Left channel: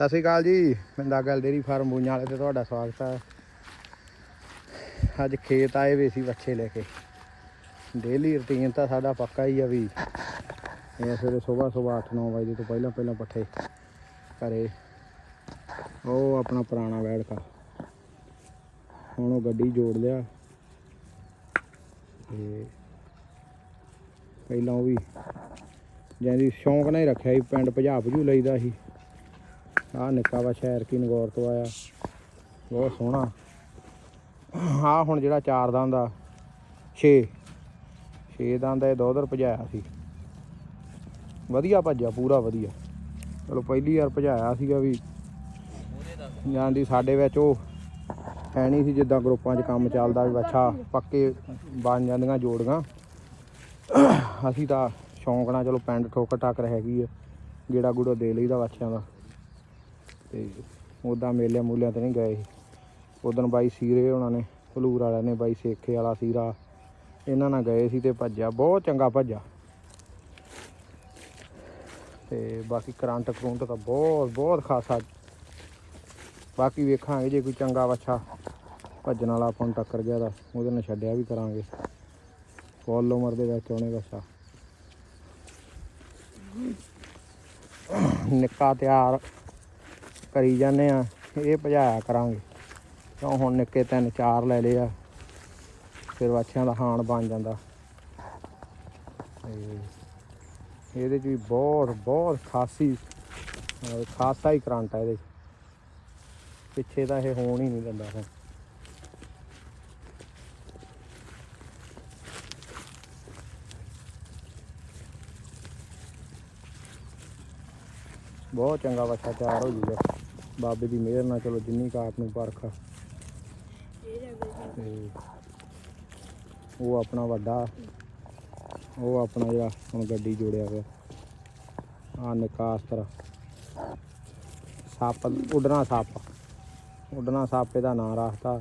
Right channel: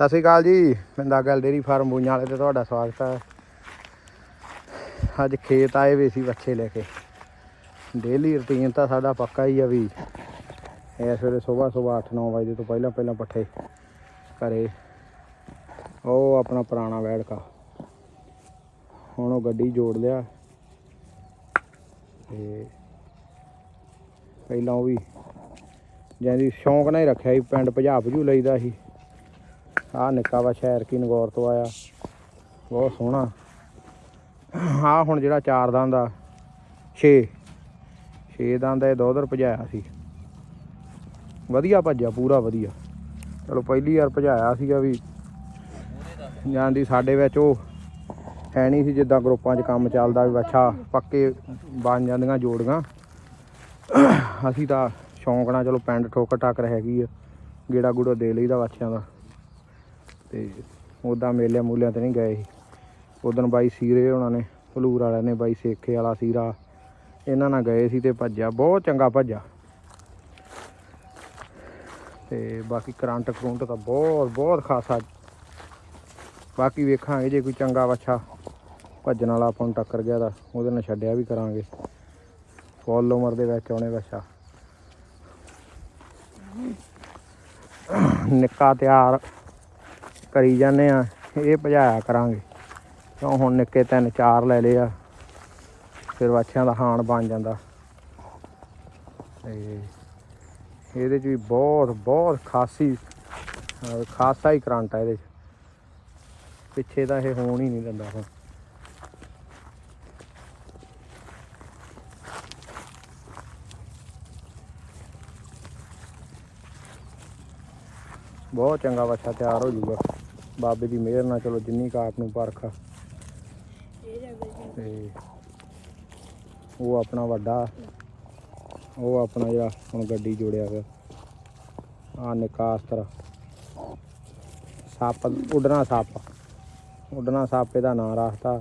ਸਤਿ ਸ਼੍ਰੀ ਅਕਾਲ ਜੀ, ਪਿੰਡਾ ਗੱਲ ਡੇਰੀ ਫਾਰਮ ਬੂਈਆਂ ਵਾਲੇ ਤੇ ਤੁਹਾਡਾ ਸਵਾਗਤ ਹੈ। ਅੱਜ ਖੇਤ ਆਏ ਵੇ ਸੀ ਬੱਚੇ ਲੈ ਕੇ। ਡੇਲੀ ਰੁਟੀਨ ਤਾਂ ਸਾਡਾ ਪੱਕਾ ਹੀ ਆ ਵੀ ਇਸ ਵੇਲੇ ਸਵੇਰ ਸਵੇਰ 8-9 ਵਜੇ ਤੋਂ ਪਹਿਲਾਂ ਪਹਿਲਾਂ ਪੱਠੇ ਘਰੇ। ਉਹ ਆਪਣਾ ਪੁਰਾਣਾ ਵੈੜਕਾ। ਹੁਣ ਉਹ ਗੱਡੀ ਜੋੜ ਲਿਆ। ਤੇ ਪਹਿਲਾਂ ਉਹ ਵੀ ਜਾਂਦੀ ਸ਼ੌਂਕ ਨਾਲ ਹੀ ਰੱਖਿਆ ਸੀ, ਪਿੰਡ ਭਜਾ ਭਜੂ ਲਈਦਾ ਸੀ। ਆਹ ਨਿੱਕਾ ਵਾ ਸ਼ਹਿਰ ਕੀ ਨਗੌਰ ਤੋਂ ਆਇਆ। ਬਹੁਤ ਸੋਹਣਾ। ਆਹ ਹੁਣ ਜਿਹੜਾ ਚਾਰ ਦਾਂ ਦਾ 6 6 ਦਾ ਇਹ ਦੋ ਦਰ ਭਜਾਇਆ ਸੀ। ਵਧੀਆ ਭੱਜਿਆ, ਪੂਰਾ ਵਧੀਆ। ਚਲੋ ਪਹਿਲੀ ਵਾਰ ਭਜਾਇਆ ਸੀਗਾ ਵੀ। ਜਾਂਦੀ ਸਾਡੇ ਵਿੱਚ ਉਹ ਹੈ ਨਹੀਂ ਸੀ ਜਿੱਦਾਂ ਗਰੁੱਪਾਂ 'ਚ ਕੰਮ ਚੱਲਦਾ ਵੀ ਅੱਛਾ, ਪੱਕੇ ਬਣ ਜਾਂਦੀਆਂ ਜੋੜੀਆਂ। ਅਸੀਂ ਤਾਂ ਸ਼ੌਂਕ ਨਾਲ ਚਲੋ ਪਿੰਡ ਠੋਕਰ ਟੱਕ ਹੈਗੀ ਆ ਗੇੜਾ ਗੂੜਾ ਦੇ ਲਈਦਾ ਬੱਚਿਆਂ ਦਾ। ਤੇ ਉਦਾਂ ਮੇਲਿਆਂ ਮੂਲਿਆਂ ਤੇ ਨਹੀਂ ਗਏ ਸੀ। ਉਦੋਂ ਬਾਈ ਸੀਰੇ ਉਹਨਾਂ ਨੇ, ਭਲੂਰ ਵਾਲਿਆਂ ਨੇ, ਬਾਈ ਸੇਖੇ ਵਾਲਾ ਸੀਰਾ। ਇਹਨਾਂ ਨਾਲ ਗਏ ਸੀ ਤੇ ਭੱਜਿਆ, ਬਹੁਤ ਚੰਗਾ ਭੱਜਿਆ। ਤੇ ਬਾਕੀ ਕਰੰਟ ਕਰੰਟ ਤਾਂ ਬਹੁਤ ਬਹੁਤ ਖਾਸਾ। ਬਾਕੀ ਵੇਖਾਂਗੇ ਜੇ ਕੋਈ ਚੰਗਾ ਵੱਛਾ ਭੱਜਣ ਵਾਲਾ ਆਪਾਂ ਨੂੰ ਟੱਕਰ ਗਿਆ ਤਾਂ ਉਹਦੇ ਨਾਲ ਛੱਡਿਆ ਵੀ ਕਰਾਂਗੇ। ਫੁੱਲ ਉਮਰ ਦੇ ਵਿੱਚ ਆਉਣੇ ਵੱਛਾ। ਨਿੱਕਾ ਤਿਆਰ ਕਰੀ ਜਾਂਦੇ ਆ, ਇਹ ਭਜਾਇਆ ਕਰਾਂਗੇ। ਕਿਉਂ ਹੁਣ ਨਿੱਕੇ ਤਿੰਨ ਚਾਰ ਲੈ ਲਏ ਆ, ਫਿਰ ਵੱਛਿਆਂ ਦਾ ਹਾਣ ਬਣ ਜਾਂਦਾ। ਤੇ ਇਹਦੇ 'ਚ ਵੀ ਬਹੁਤ ਬਹੁਤ ਖਾਸੀ ਖਾਸਾ ਹੀ ਕਰੰਟ ਆ ਇਹਦੇ 'ਚ। ਪਿੱਛੇ ਤਾਂ ਇਹ ਹੋਣ ਹੀ ਨਹੀਂ ਦਿੰਦਾ ਹੁਣ। ਬਹੁਤ ਚੰਗਾ ਵੱਛਾ ਤਿਆਰ ਹੋ ਜੂਗਾ। ਬਾਬੇ ਦੀ ਮਿਹਰ ਨਾਲ ਚਲੋ ਜਿੰਨੀ ਕਾਪ ਨੂੰ ਪਰਖ ਆ। ਤੇ ਉਹ ਆਪਣਾ ਵੱਡਾ, ਉਹ ਆਪਣਾ ਜਿਹੜਾ ਹੁਣ ਗੱਡੀ ਜੋੜਿਆ ਵਾ ਆ ਨਿਕਾਸਤਰ। ਸੱਪ, ਉੱਡਣਾ ਸੱਪ। ਉੱਡਣਾ ਸੱਪ, ਇਹਦਾ ਨਾਂ ਰੱਖਤਾ।